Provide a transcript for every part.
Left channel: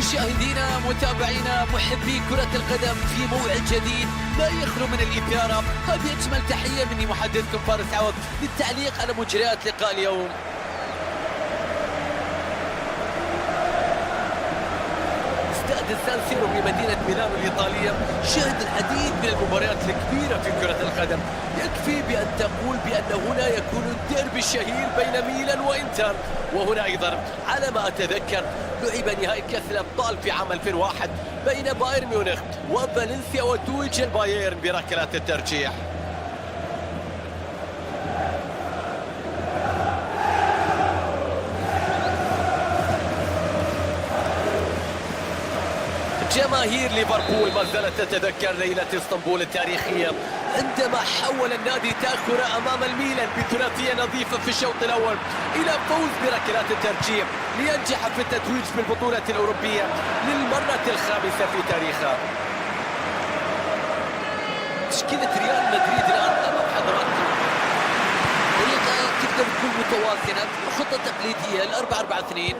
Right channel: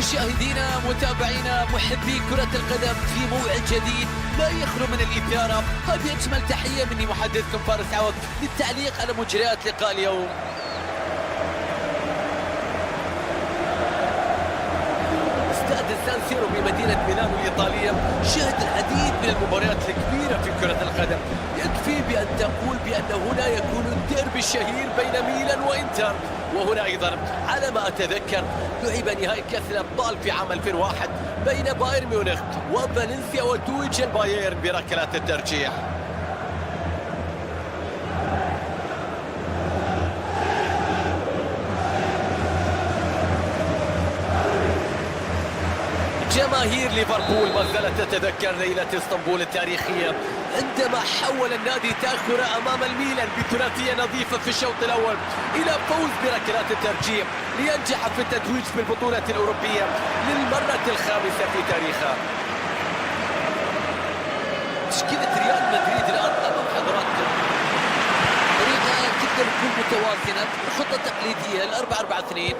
مشاهدينا متابعينا محبي كرة القدم في موعد جديد لا يخلو من الإثارة. هذه أجمل تحية مني محدثكم فارس عوض للتعليق على مجريات لقاء اليوم. استاد السان سيرو بمدينة ميلانو الإيطالية شهد العديد من المباريات الكبيرة في كرة القدم. يكفي بأن تقول بأن هنا يكون الديربي الشهير بين ميلان وإنتر، وهنا أيضا على ما أتذكر لعب نهائي كأس الأبطال في عام 2001 بين بايرن ميونخ وفالنسيا وتوج البايرن بركلات الترجيح. جماهير ليفربول ما زالت تتذكر ليلة اسطنبول التاريخية عندما حول النادي تأخر أمام الميلان بثلاثية نظيفة في الشوط الأول إلى فوز بركلات الترجيح لينجح في التتويج بالبطولة الأوروبية للمرة الخامسة في تاريخه. تشكيلة ريال مدريد الآن أمام حضراتكم، طريقة تقدر تكون متوازنة، خطة تقليدية 4-4-2.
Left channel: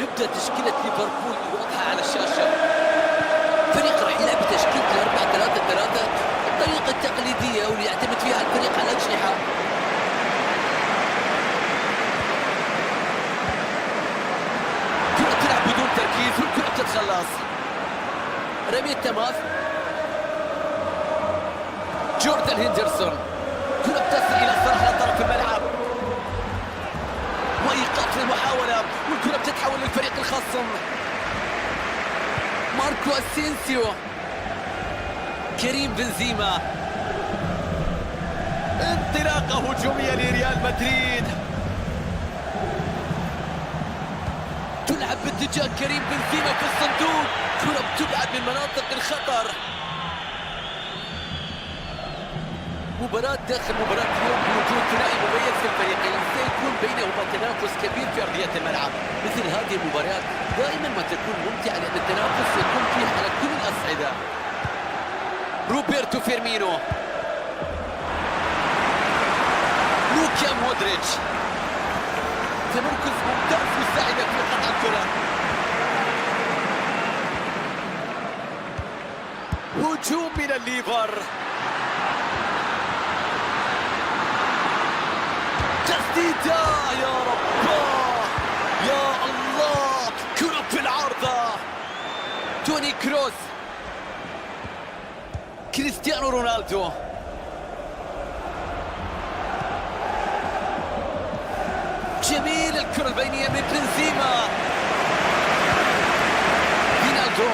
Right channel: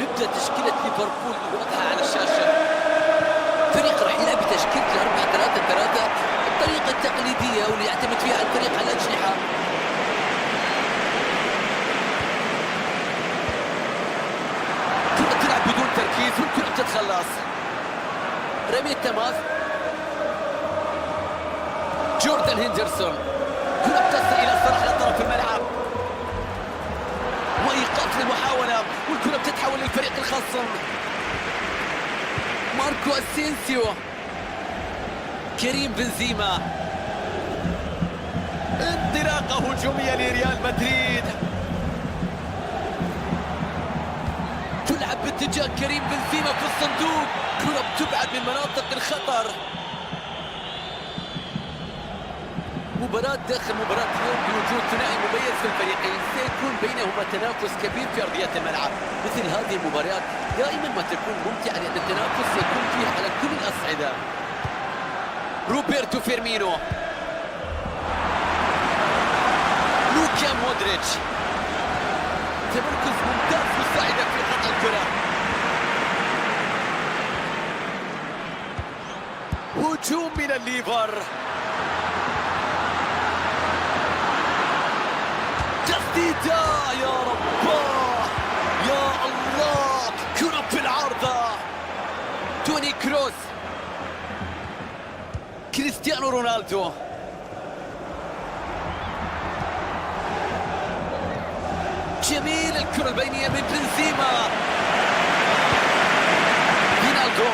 نبدأ تشكيلة ليفربول واضحة على الشاشة. فريق راح يلعب بتشكيلة 4-3-3 الطريقة التقليدية واللي يعتمد فيها الفريق على الأجنحة. كرة تلعب بدون تركيز والكرة بتتخلص. رمية تماس جوردان هندرسون، كرة بتصل إلى الصراحة على طرف الملعب وإيقاف للمحاولة والكرة بتتحول للفريق الخصم. ماركو أسينسيو، كريم بنزيما، انطلاقة هجومية لريال مدريد تلعب باتجاه كريم بنزيما في الصندوق، كرة بتبعد من مناطق الخطر. مباراة داخل مباراة اليوم بوجود ثنائي مميز في الفريقين سيكون بينهما تنافس كبير في أرضية الملعب. مثل هذه المباريات دائما ما تكون ممتعة لأن التنافس يكون فيه على كل الأصعدة. روبرتو فيرمينو، لوكا مودريتش، تمركز ممتاز مساعدة في قطع الكرة. هجوم من الليفر، تسديدة يا رب يا الله، كرة في العارضة. توني كروس، كريستيانو رونالدو، جميل الكرة البينية من بنزيما، فينالدو،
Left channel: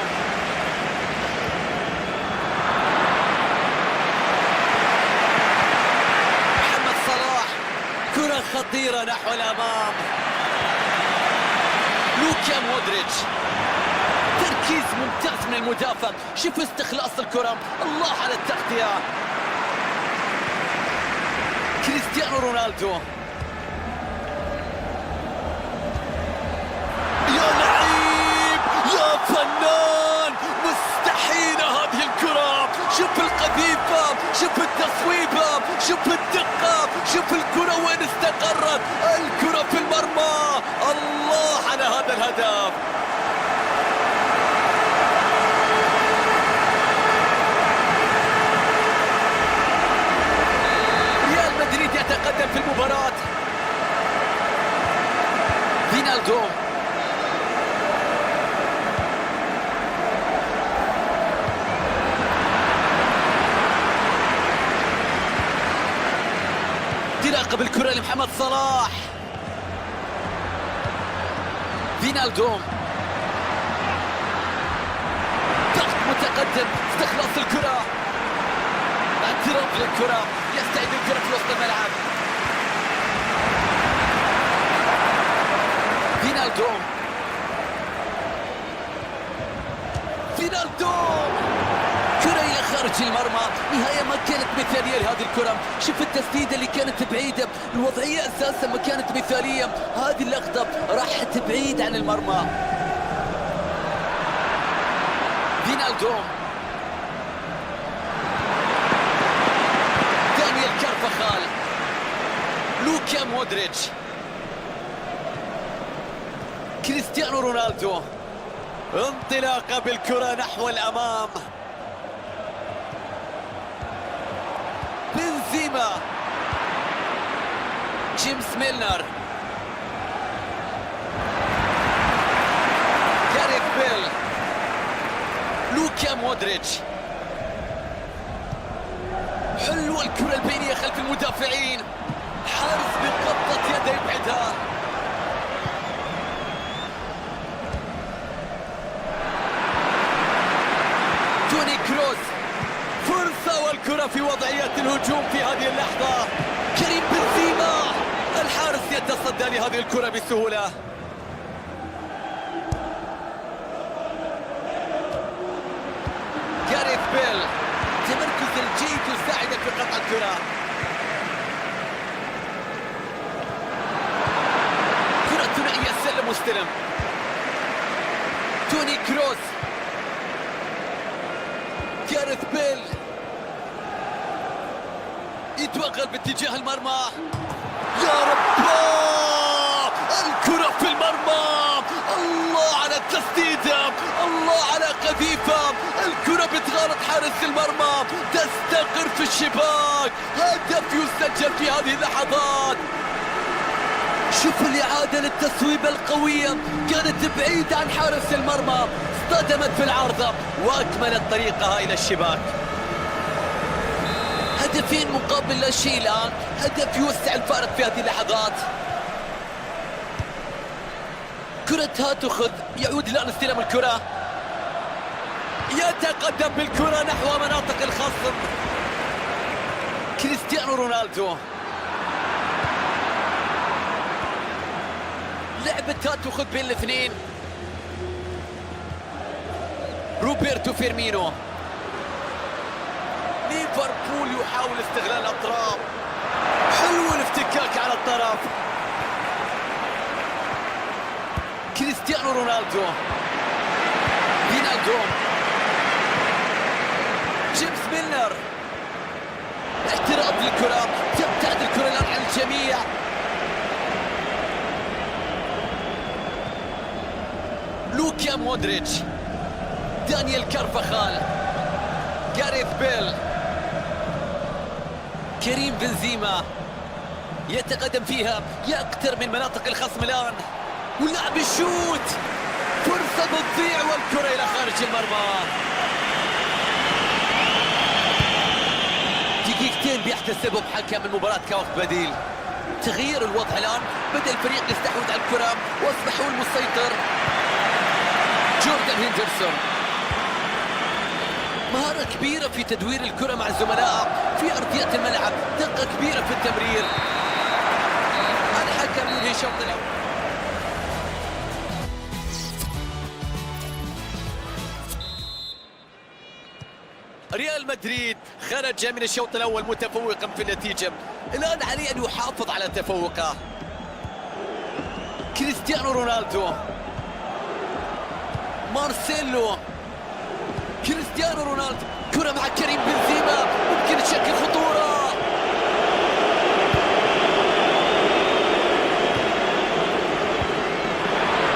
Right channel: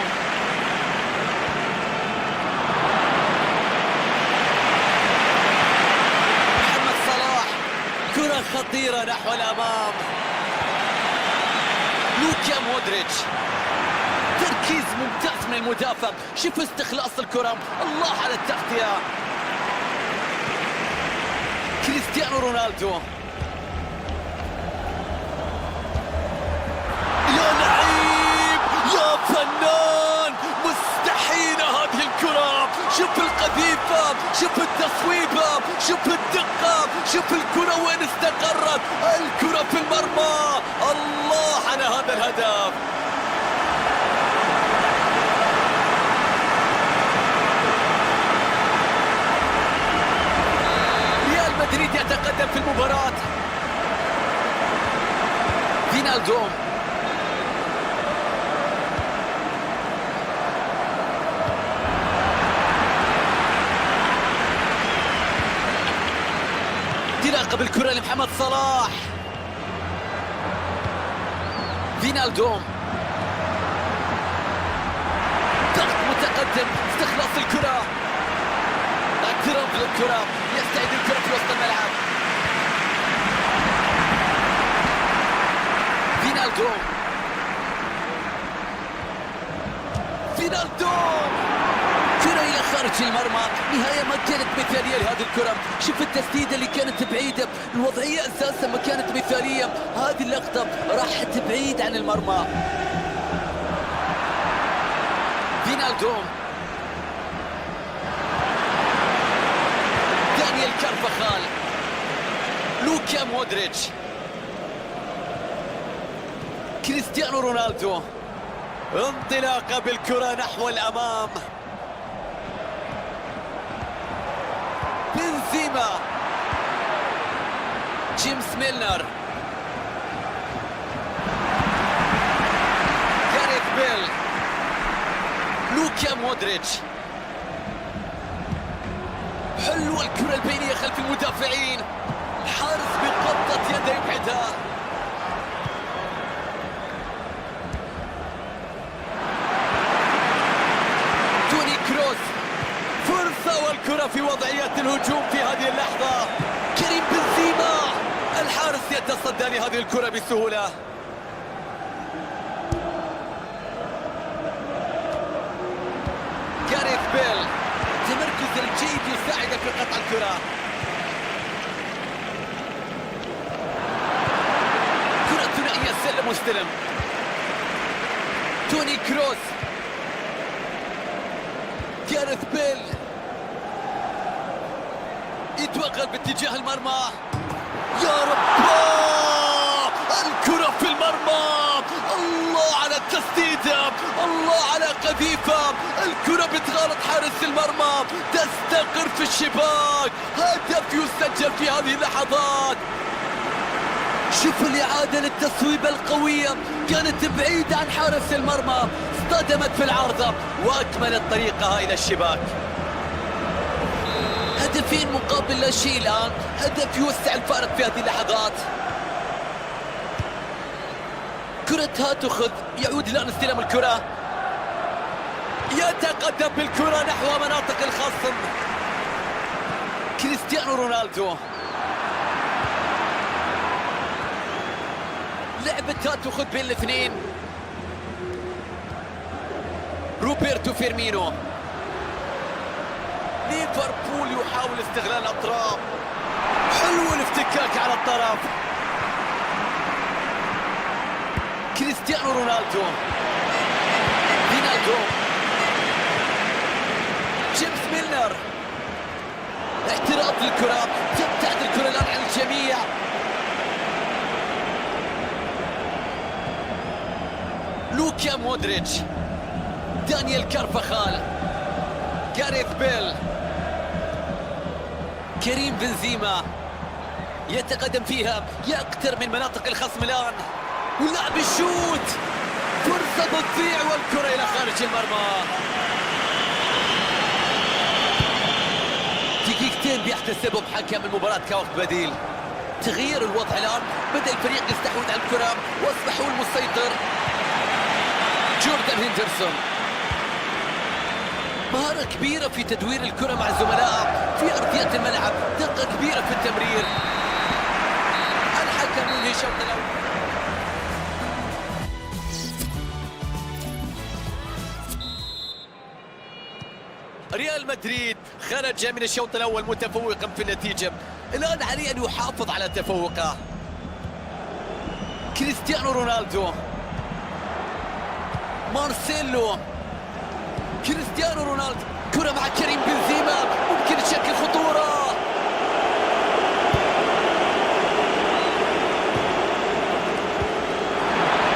محمد صلاح، كرة خطيرة نحو الأمام. لوكا مودريتش، تركيز ممتاز من المدافع، شوف استخلاص الكرة، الله على التغطية. كريستيانو رونالدو، يا لعيب يا فنان، مستحيلة هذه الكرة. شوف القذيفة، شوف التصويبة، شوف الدقة، شوف الكرة وين استقرت، الكرة في المرمى. الله على هذا الهدف. ريال مدريد يتقدم في المباراة. فينالدو، انطلاقة بالكرة لمحمد صلاح. فينالدو، ضغط متقدم، استخلاص الكرة، اعتراض للكرة، يستعيد الكرة في وسط الملعب. فينالدو، فينالدو، كرة إلى خارج المرمى، نهاية ما كانت مثالية لهذه الكرة. شوف التسديدة اللي كانت بعيدة، الوضعية أساسا ما كانت مثالية، هذه اللقطة راحت بعيد عن المرمى. فينالدو، دانيال كارفاخال، لوكا مودريتش، كريستيانو رونالدو، انطلاقة بالكرة نحو الأمام. بنزيما، جيمس ميلنر، جاريث بيل، لوكا مودريتش. حلوة الكرة البينية خلف المدافعين، الحارس بقبضة يده يبعدها. توني كروس، فرصة والكرة في وضعية الهجوم في هذه اللحظة. كريم بنزيما، الحارس يتصدى لهذه الكرة بسهولة. جاريث بيل، تمركز الجيد يساعد في قطع الكرة. كرة ثنائية سلم واستلم. توني كروس، جاريث بيل يتوغل باتجاه المرمى. يا رب، الكرة في المرمى. الله على التسديدة، الله على قذيفة. الكرة بتغالط حارس المرمى، تستقر في الشباك. هدف يسجل في هذه اللحظات. شوفوا الإعادة للتصويبة القوية، كانت بعيدة عن حارس المرمى، اصطدمت في العارضة وأكملت طريقها إلى الشباك. هدفين مقابل لا شيء الآن، هدف يوسع الفارق في هذه اللحظات. كرة تأخذ، يعود الآن استلام الكرة، يتقدم بالكرة نحو مناطق الخصم. كريستيانو رونالدو، لعبة تأخذ بين الاثنين. روبرتو فيرمينو، ليفربول يحاول استغلال الأطراف. حلو الافتكاك على الطرف. كريستيانو رونالدو، فينالدوم، جيمس ميلنر، اعتراض للكرة، تبتعد الكرة الآن عن الجميع. لوكا مودريتش، دانيال كارفاخال، جاريث بيل، كريم بنزيما يتقدم فيها، يقترب من مناطق الخصم الآن، ولعب الشوت، فرصة بتضيع والكرة إلى خارج المرمى. دقيقتين بيحتسبهم حكم المباراة كوقت بديل. تغيير الوضع الآن، بدأ الفريق يستحوذ على الكرة وأصبح هو المسيطر. جوردان هندرسون، مهارة كبيرة في تدوير الكرة مع زملائه في أرضية الملعب، دقة كبيرة في التمرير. الحكم ينهي الشوط الأول. ريال مدريد خرج من الشوط الأول متفوقا في النتيجة، الآن عليه أن يحافظ على تفوقه. كريستيانو رونالدو، مارسيلو، كريستيانو رونالدو، كرة مع كريم بنزيما، ممكن تشكل خطورة.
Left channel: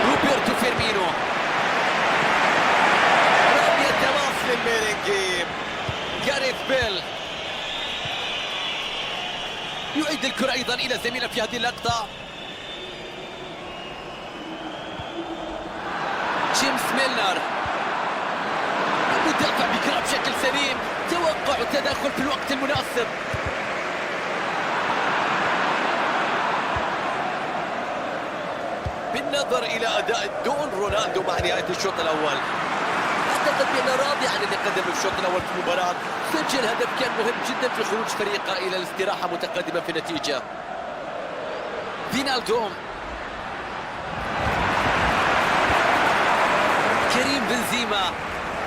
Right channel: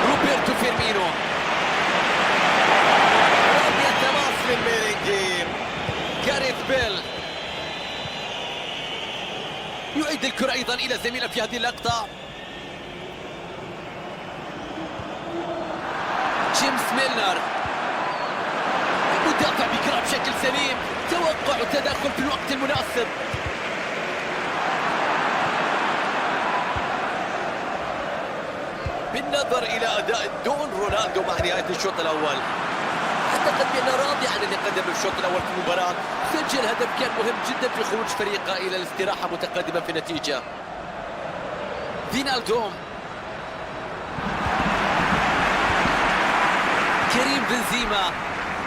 روبرتو فيرمينو، رمية تماس للميرينجي. جاريث بيل يعيد الكرة أيضا إلى زميله في هذه اللقطة. جيمس ميلنر، مدافع بكرة بشكل سليم، توقع وتدخل في الوقت المناسب. بالنظر إلى أداء دون رونالدو مع نهاية الشوط الأول، أعتقد بأنه راضي عن اللي قدمه في الشوط الأول في المباراة. سجل هدف كان مهم جدا في خروج فريقه إلى الاستراحة متقدمة في النتيجة. فينالدوم، كريم بنزيما،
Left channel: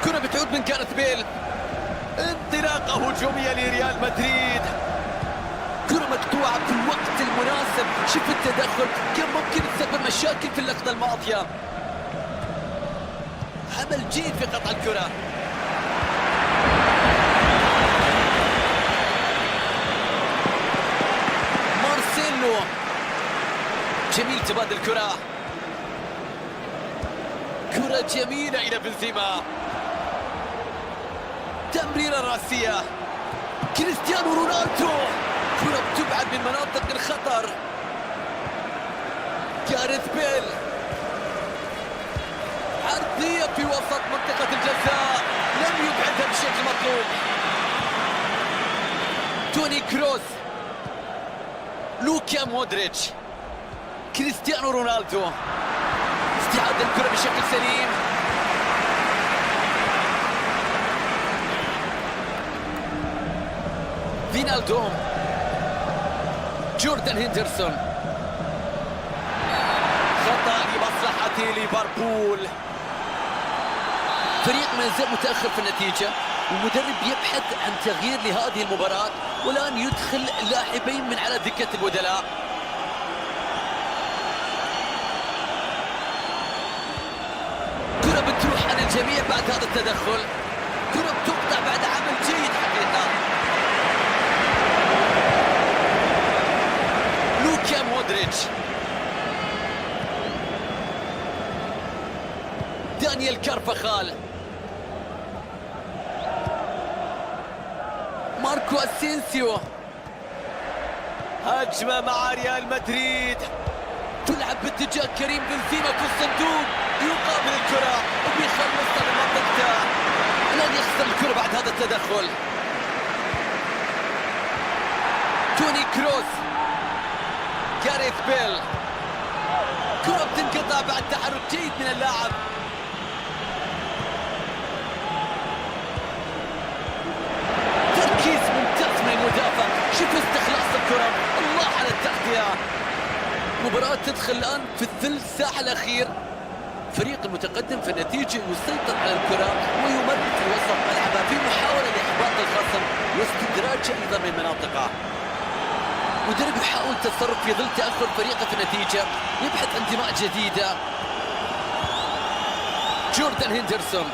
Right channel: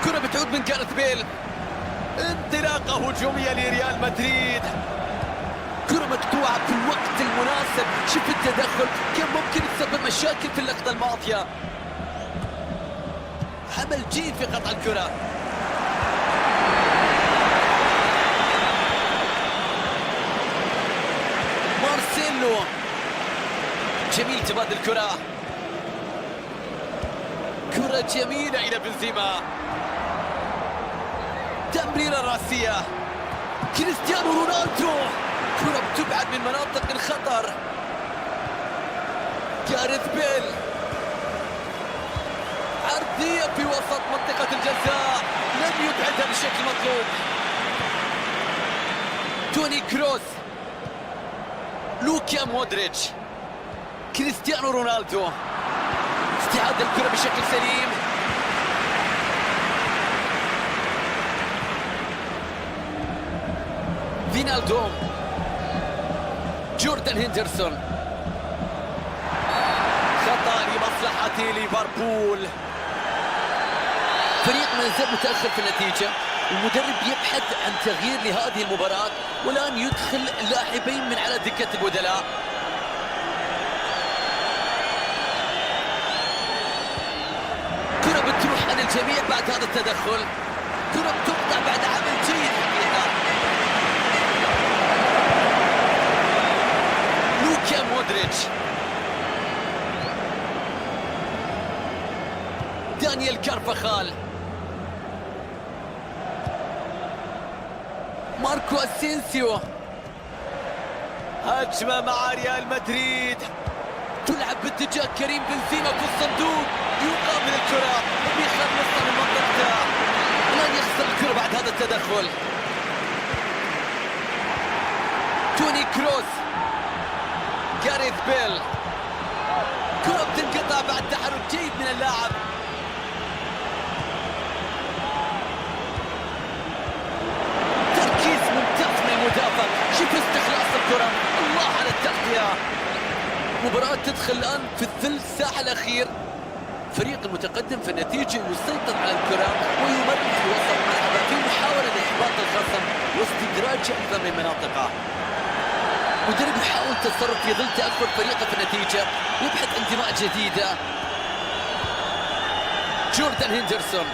كرة بتعود من جاريث بيل، انطلاقة هجومية لريال مدريد، كرة مقطوعة في الوقت المناسب. شوف التدخل، كان ممكن تسبب مشاكل في اللقطة الماضية. عمل جيد في قطع الكرة. مارسيلو، جميل تبادل الكرة. كرة جميلة إلى بنزيما، تمريرة راسية، كريستيانو رونالدو، كرة بتبعد من مناطق الخطر. جاريث بيل، عرضية في وسط منطقة الجزاء، لم يبعدها بالشكل المطلوب. توني كروس، لوكا مودريتش، كريستيانو رونالدو، استعادة الكرة بشكل سليم. فينالدوم، جوردان هندرسون، خطأ لمصلحة ليفربول. فريق ما يزال متأخر في النتيجة، المدرب يبحث عن تغيير لهذه المباراة، والآن يدخل لاعبين من على دكة البدلاء. كرة بتروح عن الجميع بعد هذا التدخل، كرة بتقطع بعد عمل جيد حقيقة. لوكا مودريتش، دانيال كارفاخال، ماركو اسينسيو. هجمة مع ريال مدريد، تلعب باتجاه كريم بنزيما في الصندوق، يقابل الكرة وبيخلصها من منطقته. الآن يخسر الكرة بعد هذا التدخل. توني كروس، جاريث بيل، كرة بتنقطع بعد تحرك جيد من اللاعب. تركيز ممتاز من المدافع، شوف استخلاص الكرة، الله على التغطية. مباراة تدخل الآن في الثلث ساعة الأخير، فريق المتقدم في النتيجة يسيطر على الكرة ويمر في وسط ملعبه في محاولة لإحباط الخصم واستدراجه أيضا من مناطقه. مدرب يحاول التصرف في ظل تأخر فريقه في النتيجة، يبحث عن دماء جديدة. جوردان هندرسون،